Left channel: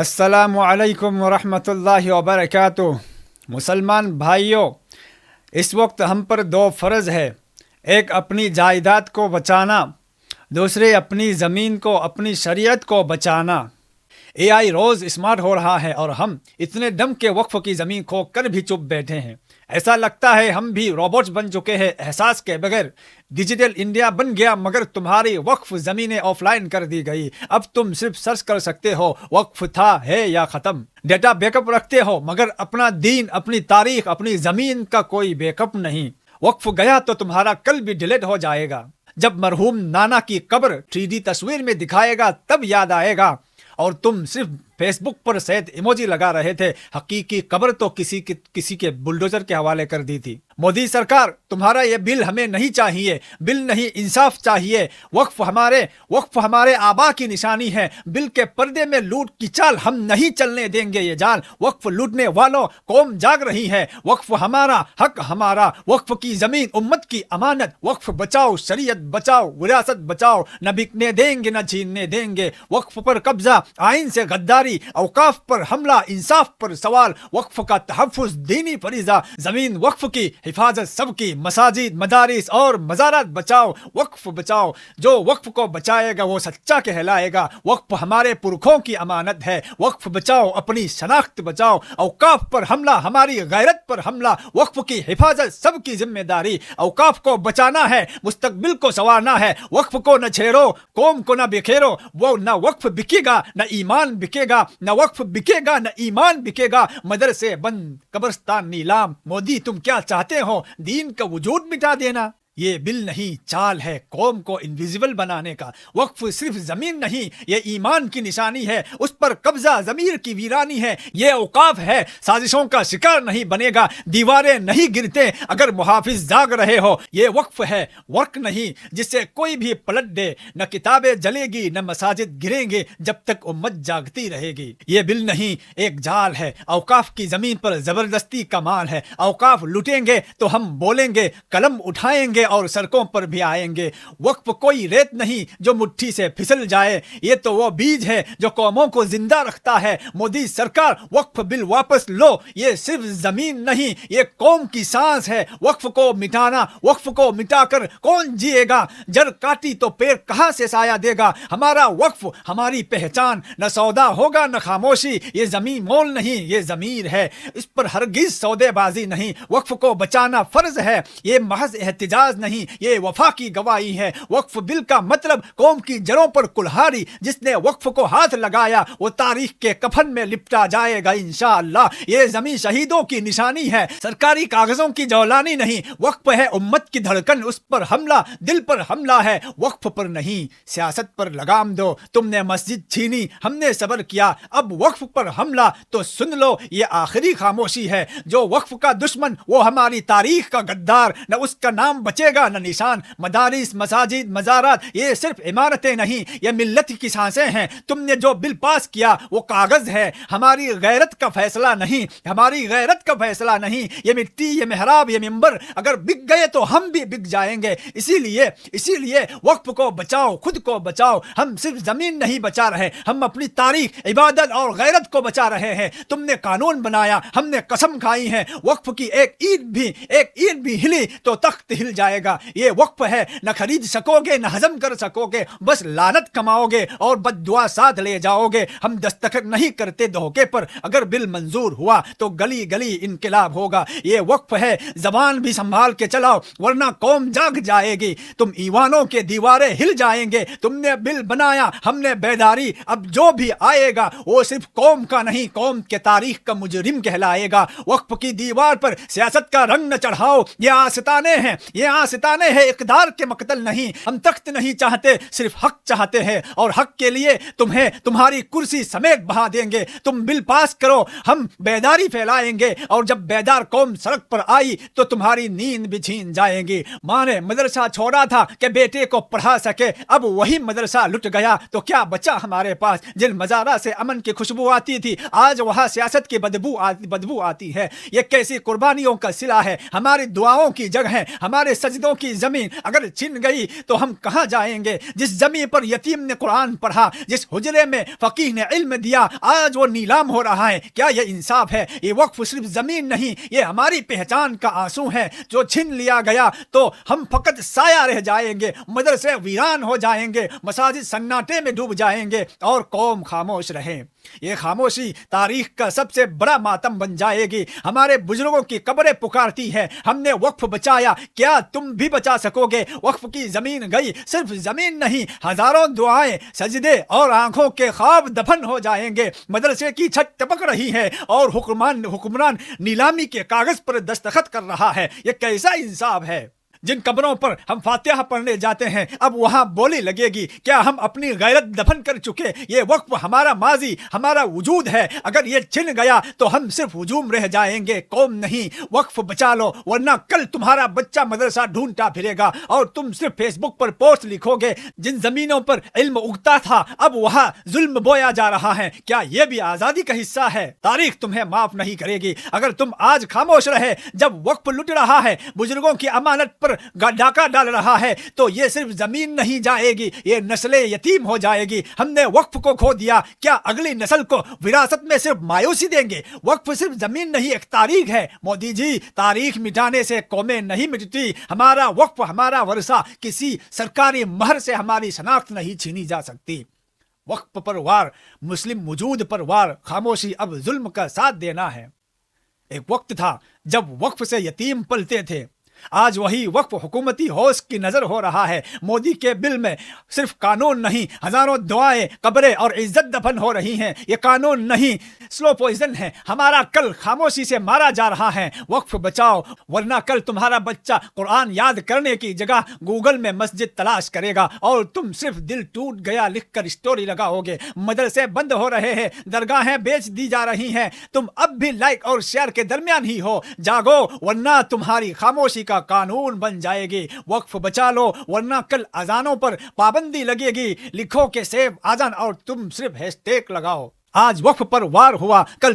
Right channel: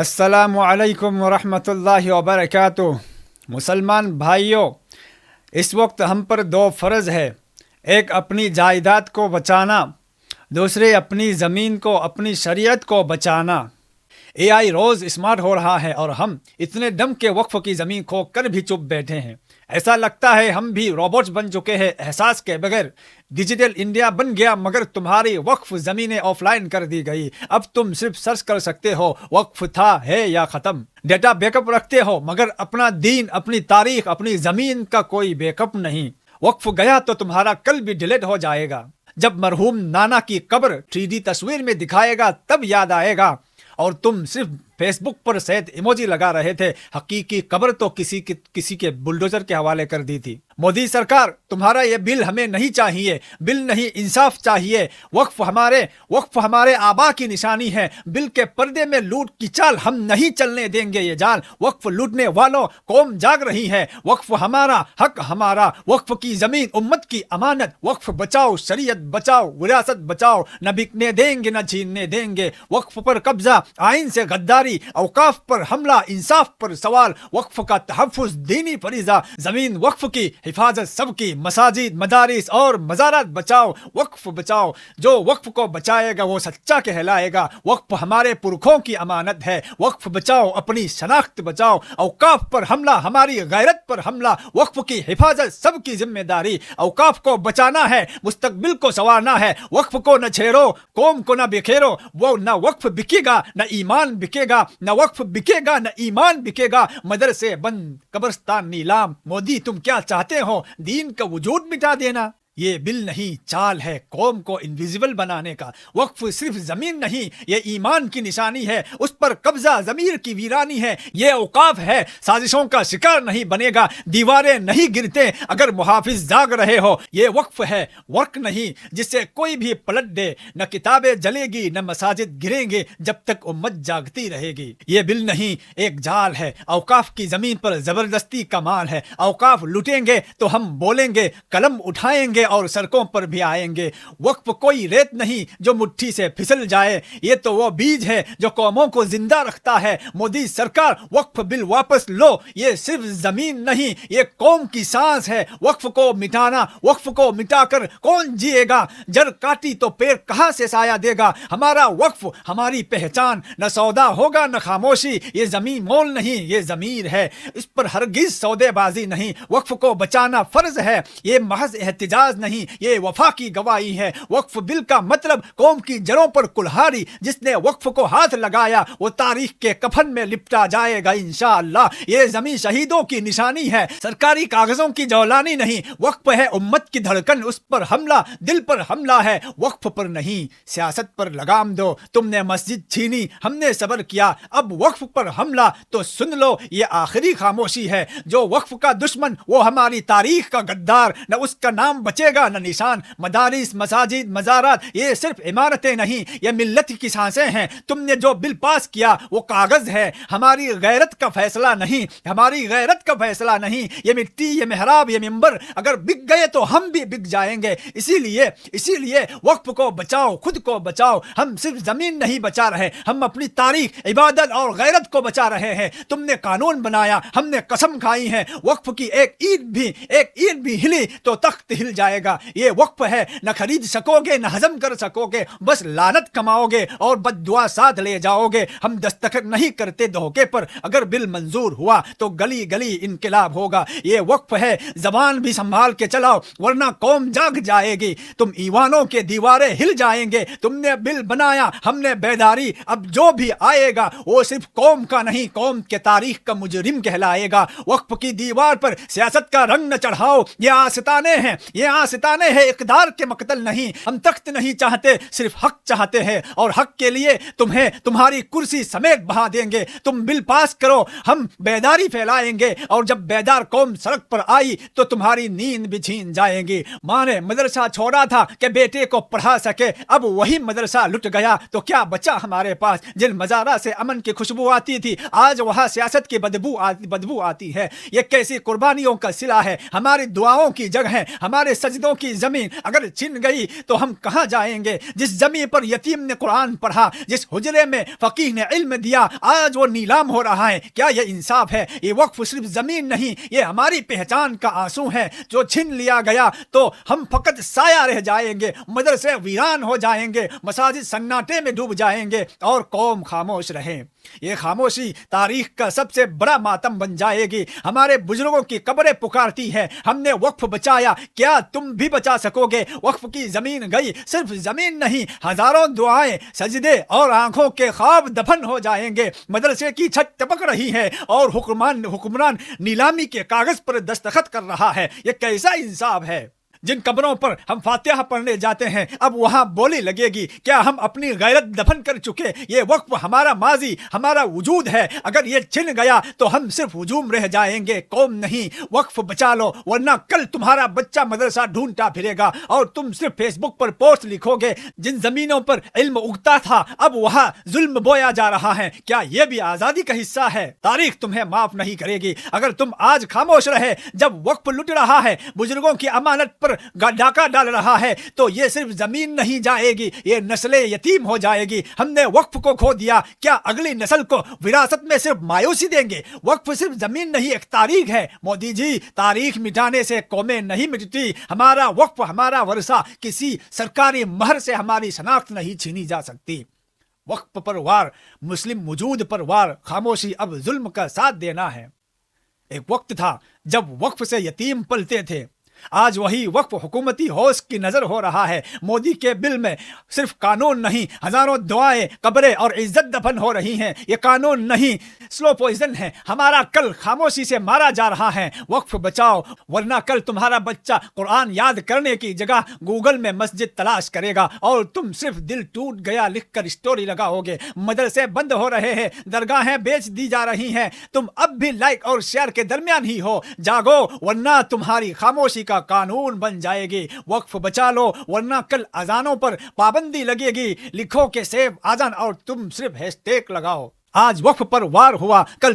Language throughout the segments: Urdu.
السلام علیکم ورحمۃ اللہ وبرکاتہ۔ مسلمان بھائیوں، اس وقت ہم پر دو فرض ہے، ایک اپنی جائیداد کو بچانا، دوسرے اپنی زمین کو، اپنی شریعت کو بچانا۔ اے آئی روز اسمارٹ ہو رہا ہے اور ہم اتنے دم کے وقف کی زمین کھو کر بھی چپ بیٹھے ہیں۔ ایسا لگتا ہے ہم بھی روبوٹس بن چکے ہیں، احساس کے بغیر۔ ڈیجیٹل انڈیا بن گیا مگر تمہاری وقف زمینیں آف لائن کر دی گئی۔ اب تم صرف سرچ کر سکتے ہو وقف تھا ہے یا ختم۔ ڈیٹا بیک اپ رکھتے ہو مگر اپنا دین، اپنی تاریخ، اپنی زمین کا کوئی بیک اپ نہیں۔ وقف گیا تو تمہارا کل بھی ڈیلیٹ ہو جائے گا۔ جب مرحوم نانا کی قبر 3D تصویر میں دکھائے گا تب یاد آئے گا، اور تم صرف فیس بک پر سید ایموجی لگا رہے تھے، حقیقی قبر تو کسی کے بلڈوزر کے حوالے کر دی تھی۔ مودی سرکار، تمہارا یہ بل ہمیں نہیں چاہیے، بل نہیں انصاف چاہیے۔ وقف ہمارے آبا کی نشانی ہے۔ بل کے پردے میں لوٹ کی چال ہم نہیں چلنے دیں گے یہ جال۔ وقف لوٹنے والوں، قوم جاگ رہی ہے۔ وقف ہمارا، حق ہمارا، وقف کی زمین امت کی امانت۔ وقف بچاؤ، شریعت بچاؤ، وراثت بچاؤ، نہ بکنے دیں گے نہ چھیننے دیں گے۔ وقف پر قبضہ، آئین سے غداری، اوقاف پر حملہ، انصاف پر سوال۔ وقف کا تحفظ دینی فریضہ، زمین وقف کی حفاظت سب کی۔ مساجد، مدارس اور مزارات بچاؤ، وقف بچاؤ۔ جو وقف کو بچائے گا وہ سچا کہلائے گا۔ وقف ہمارے پرکھوں کی امانت ہے۔ وقف بچاؤ، اپنی شناخت بچاؤ۔ اوقاف پر حملہ، ہماری غیرت پر حملہ۔ وقف کی حفاظت سب کی ذمہ داری۔ اوقاف کو بچانا ہے، مستقبل کو سنوارنا ہے۔ وقف کو نہ چھیڑو، قوم کو نہ بکھیرو۔ وہ نہ وقف بکے گا نہ ایمان بکے گا، نہ وقف بکے گا نہ ایمان بکے گا۔ مدرسے بند، قبرستان نیلام۔ مودی تم کیا چاہتے ہو؟ دین کا وجود مٹا دینا؟ یہ بل نہیں، چال ہے قوم کو انویزیبل بنانے کا۔ وقف صرف زمین نہیں، یہ ایمان کی نشانی ہے۔ اس پر قبضہ ضمیر کی ویرانی ہے۔ یہ اوقاف ہے، سازشوں کا شکار نہیں بنے گا۔ دیواریں نہیں گرتے اگر محافظ جاگ رہے ہو۔ یہ وقف ہے، ورک نہیں جسے کوئی بھی پلٹ دے۔ نہ کتابیں جلے گی نہ مساجد گریں گے جب تک امت جاگتی رہے گی۔ یہ بل نہیں، ایک جال ہے۔ اوقاف کی زمین پر زبردستی کا مال ہے۔ اوقاف لوٹیں گے تو ہم بولیں گے، قلم اٹھائیں گے اور سڑکوں پر بھی آئیں گے۔ وقف کوئی ریت نہیں جو مٹھی سے پھسل جائے، یہ تو وہ بیج ہے جو قوموں کو زندہ رکھتا ہے۔ مودی سرکار، وقف بل واپس لو۔ یہ صرف زمین نہیں، یہ قوم کی سانس ہے۔ وقف کو مٹانا، وقف کو مٹا کر کون جیے گا؟ جڑ کاٹی تو پیڑ کہاں سے سایہ دے گا؟ ہمارا وقف ہماری پہچان، نہ سودا ہوگا نہ خاموشی۔ یہ زمین مول نہیں، یہ ضمیر ہے، اس پر ہرگز سودے بازی نہیں۔ وقف کو بچانا فرض ہے، یہ محض احتجاج نہیں، یہ وفا کی گواہی ہے۔ وقف بل کا مطلب قوم کی جڑوں پر کلہاڑی۔ جس نے وقف کو ہاتھ لگایا وہ تاریخ کے کفن میں لپٹا جائے گا انشاءاللہ۔ یہ زمین شہیدوں کی نشانی ہے، سرکاری کاغذوں کی جولانی نہیں۔ وقف ہے امت کی دھڑکن، اس پر حملہ دل پر حملہ ہے، وقف پر نہیں۔ سیاست پر لگام دو، تم نے مسجد چھینی، ہم نے صبر کیا، اب وقف پر حملہ تو سن لو یہ آخری خاموشی ہے۔ جو وقف کا دشمن وہ ہماری تاریخ کا غدار، نہ اس کا نام بچے گا نہ نشان۔ مدارس، مساجد، مزارات، یہ صرف عمارتیں نہیں، یہ ملت کی سانسیں ہیں۔ تم نے جو بل پاس کیا وہ کاغذ ہے، ہماری غیرت کا فیصلہ نہیں، ہماری غیرت کا فیصلہ نہیں۔ یہ مٹی، یہ محراب، یہ منبر اگر بک گئے تو ہم بھی بک جائیں گے۔ اسی لیے وقف کو بچاؤ، خود کو بچاؤ۔ ہم صرف زمین نہیں بچا رہے، ہم اپنی تاریخ، عبادت اور غیرت کو بچا رہے ہیں۔ تم نے قانون بنایا، ہم نے قسم کھائی ہے، وقف کی ایک اینٹ بھی ہلی تو تخت ہل جائے گا۔ یہ وقف ہے، نہ خرید سکو گے نہ ہضم کر سکو گے، بس لعنت کماؤ گے اور بد دعا ساتھ لے جاؤ گے۔ ہم دستخط نہیں کرتے دھوکے پر، اگر بل منظور ہوا تو گلی گلی انقلاب ہوگا۔ یہ وقف ہے، زبان بھی سنبھال کے چلاؤ ورنہ قوم جاگ جائے گی۔ تم ایوانوں کے دیواریں ہل جائیں گے۔ تم نے بل بنایا، ہم نے بیداری، اب جو بھی آئے گا وہ صرف قوم کا نہیں، قوم کے تاریخ کا مجرم کہلائے گا۔ وقف کی دیوار پر سیاست کا رنگ نہ چڑھاؤ، یہ آستانے ہیں، اقدار کے مقتل نہیں۔ ہم تخت نہیں چاہتے، صرف حق چاہتے ہیں، اور حق کے لیے تمہیں تمہاری کرسی سمیت بہا دیں گے۔ تم بل پاس کرو، ہم بیداری پھیلائیں گے، اور جب بیدار قوم سڑک پر آئی تو تمہاری نیند بھی چھین جائے گی۔ ماں نے مدرسہ چھوڑا تھا کہ بیٹے کو پڑھا سکے، اب وہی مدرسہ لٹ گیا تو کیا بچا ہمارے پاس؟ جن مزارہ سے امن کی خوشبو آتی تھی آج وہاں سیاست کی بدبو آتی ہے۔ یہ کیسی قربانیوں کا صلہ ہے، ہماری دعاؤں کی جگہ ہے، ہمارے مسجدوں کی زمین اگر چھن گئی تو ہم کہاں جائیں گے؟ جس زمین پر یتیم نے قرآن پڑھا، جس حجرے میں فقیہ نے علم دیا، آج وہ نیلام ہو رہا ہے۔ کیا یہ انصاف ہے؟ یہ وقف صرف زمین نہیں، یہ ہماری پہچان کا آنسو ہے جو چھین لیا گیا تو ہم فقط سایہ رہ جائیں گے، مدرسے ویران ہو جائیں گے، مساجد سناٹے میں ڈوب جائیں گے اور قوم خاموش رہے۔ یہ خاموشی تاریخ کا سب سے بڑا ماتم بن جائے گی۔ ہمارے بزرگوں کی قبریں پکارتی ہیں، ہم نے وقف بچایا، کیا تم بھی بچا سکو گے؟ وقف کی زمین گئی، صرف زمین نہیں، ہزاروں دعائیں، سجدے اور آنکھوں کے خواب دفن ہو جائیں گے۔ مدرسے کی چھت ٹپک رہی ہے اور حکمران نیلامی کے کاغذ پر دستخط کر رہا ہے۔ یہ کیسا انصاف ہے؟ جن قبروں پر ہم فاتحہ پڑھنے جاتے ہیں اب وہاں بولی لگے گی، کیا ہم اپنی غیرت دفن کر چکے؟ یہ وقف ہمارا ماضی، ہمارا وجود ہے، اگر یہ چھن گیا تو ہم صرف ہجوم رہ جائیں گے، قوم نہیں۔ وقف بچا لو ورنہ کل تمہارا بچہ مدرسہ ڈھونڈتا پھرے گا اور تم صرف فیس بک پر پوسٹ لکھو گے۔ جن زمینوں پر علم اگتا تھا اب وہاں ظلم بویا جا رہا ہے، کیا یہ بھی آزادی کا حصہ ہے؟ تاریخ تمہیں معاف نہیں کرے گی اگر تم آج خاموش رہے۔ جب وقف لٹ رہا ہے، بزرگوں کی امانت پر ڈاکہ ڈال رہا ہے تو یہ صرف زمین نہیں جائے گی، یہ نسل یتیم ہو جائے گی۔ ہم نے وقف کو کھو دیا، کیا اگلی نسل کو وراثت میں صرف مایوسی دیں گے؟ وقف صرف زمین نہیں، ایک تاریخ ہے۔ مودی جی، تاریخ مٹانے سے قومیں نہیں مٹتی، ہمارا وقف، ہمارا ورثہ کسی سرکاری مہر سے ہماری شناخت نہیں چھینی جا سکتی۔ وقف پر وار، مسلم وجود پر وار، خاموشی اب ظلم کا ساتھ دینا ہے۔ ایک وقت تھا جب وقف سے یتیم پلتے تھے، آج وہی وقف حکومتی ہوش کی نظر ہو رہا ہے۔ مودی کے بل میں صرف قانون نہیں، ہزاروں دعائیں، قبریں اور عزت دفن ہو رہی ہیں۔ یہ قانون نہیں، سلو پوائزن ہے۔ ہمارا کل خاموشی سے مارا جا رہا ہے۔ وقف بچاؤ ورنہ کل تمہارا بچہ قرآن یاد کرنے کی جگہ گوگل میں مسجد تلاش کرے گا اور تم صرف دل ٹوٹ گیا لکھ کر اسٹوری لگاؤ گے۔ مدرسے بند ہو رہے ہیں، درگاہیں بیچ دی جا رہی ہیں، تم اب بھی لائک اور شیئر کے درمیان ہی ہو۔ جاگو ورنہ تمہاری خاموشی کا قانون بن جائے گی۔ وقف بچا لو ورنہ کل اذانوں پر پابندی لگے گی۔ لکھو کہ سیو اذان اور تم صرف ہیش ٹیگ لگاؤ۔ آج وقف پر وار ہوا، کل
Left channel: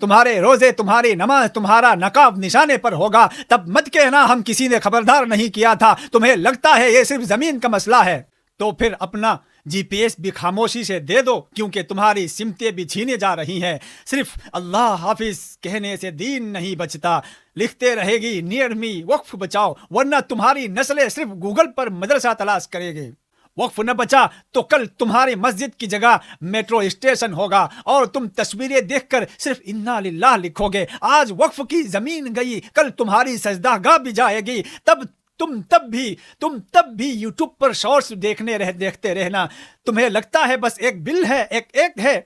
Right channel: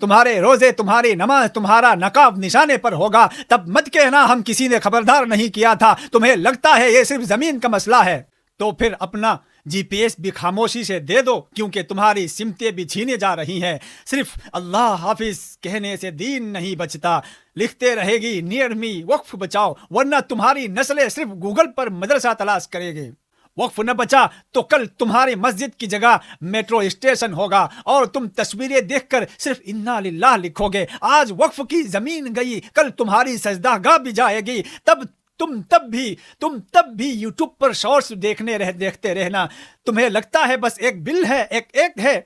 تمہارے روزے، تمہاری نماز، تمہارا نقاب نشانے پر ہوگا۔ تب مت کہنا ہم کسی نے خبردار نہیں کیا تھا۔ تمہیں لگتا ہے یہ صرف زمین کا مسئلہ ہے تو پھر اپنا جی پی ایس بھی خاموشی سے دے دو، کیونکہ تمہاری سمتیں بھی چھینے جا رہی ہیں۔ صرف اللہ حافظ کہنے سے دین نہیں بچتا، لکھتے رہے گی نیئر می۔ وقف بچاؤ ورنہ تمہاری نسلیں صرف گوگل پر مدرسہ تلاش کرے گی۔ وقف نہ بچا تو کل تمہاری مسجد کی جگہ میٹرو اسٹیشن ہوگا اور تم تصویریں دیکھ کر صرف انا للہ لکھو گے۔ آج وقف کی زمین گئی، کل تمہاری سجدہ گاہ بھی جائے گی۔ تم تب بھی یوٹیوب پر شارٹس دیکھتے رہنا۔ تمہیں لگتا ہے بس ایک بل ہے، ایک ایکٹ ہے،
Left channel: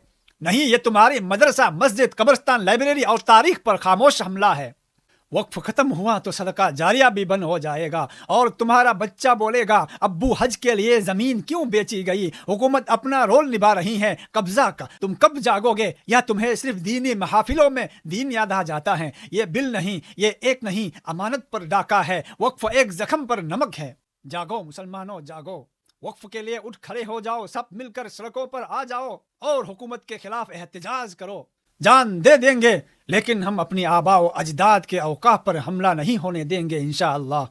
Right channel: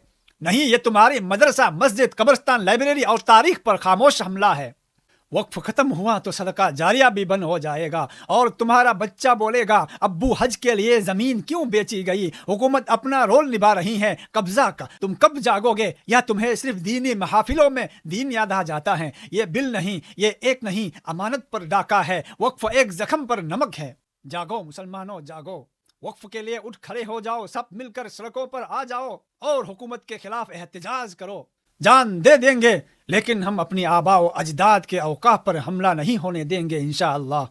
نہیں، یہ تمہاری مدرسہ، مسجد، قبرستان، لائبریری اور تاریخ پر خاموش حملہ ہے۔ وقف ختم ہوا تو صدقہ جاریہ بھی بند ہو جائے گا اور تمہارا بچہ بولے گا ابو حج کے لیے زمین کیوں بیچی گئی؟ حکومت اپنا رول نبھا رہی ہے قبضہ کا۔ تم کب جاگو گے؟ یا تمہیں صرف دینی محافلوں میں دین یاد آ جاتا ہے؟ یہ بل نہیں، یہ ایک نہیں، امانت پر ڈاکہ ہے، وقف ایک زخم پر نمک ہے۔ جاگو مسلمانوں، جاگو، وقف کے لیے اٹھ کھڑے ہو جاؤ، سب مل کر سڑکوں پر آ جاؤ اور حکومت کے خلاف احتجاج کرو۔ جان دے دیں گے لیکن ہم اپنی آباء و اجداد کے اوقاف پر حملہ نہیں ہونے دیں گے انشاءاللہ۔